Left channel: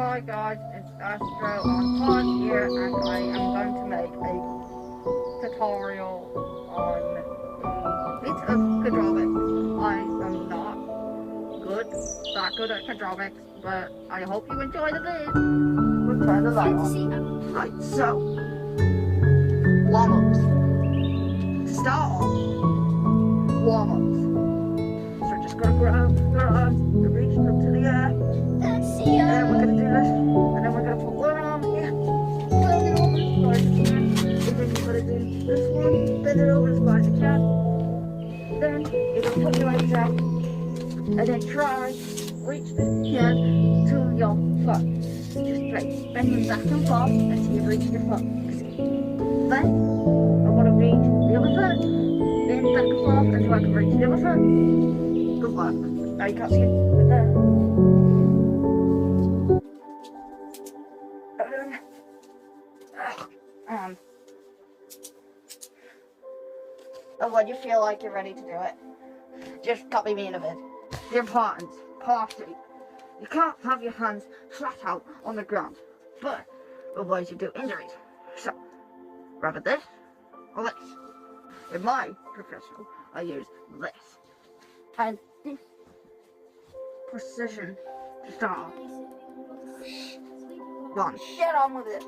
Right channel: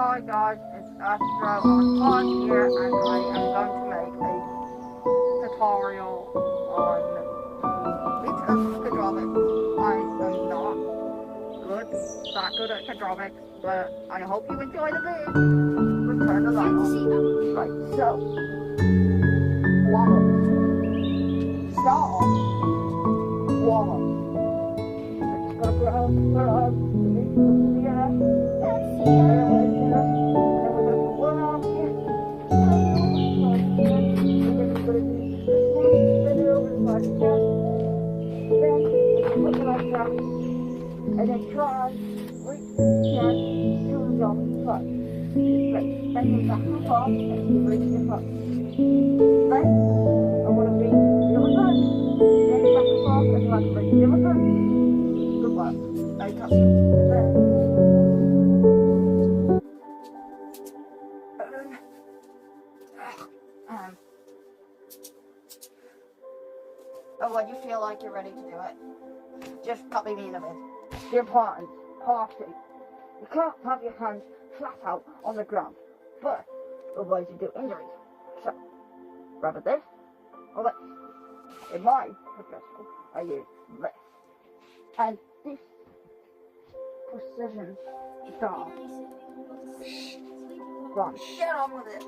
Hi guys, it's Astro on Pod here, and I am going to make a tutorial on bits of hydraulics. I am not that good at hydraulics, but I hope you enjoy the vid. We'll turn the light on. Right, so warm-ups. To start off, warm-ups. So we're just gonna grab the arms and reach them to the air. And then we're gonna do this, and then we're gonna put one arm here, turn it over as far as you can, and then you're gonna do this one, bend it over as far as you can. Then you're gonna put your legs out, and then try reach the hand to your foot. Just like bending back and forth until you reach your foot. Then I'm gonna reach the other foot, bend back and forth until I can reach the other foot. Good work. Now you can't see it, but there. But when you feel like you're ready to do it, just copy me in a bit. The importance, part 2. You can't have your hands flat out on the ground, but otherwise you do injuries. So, rather this or this. In my professional, I use this. And this precision to start off. Go on. Get on with it.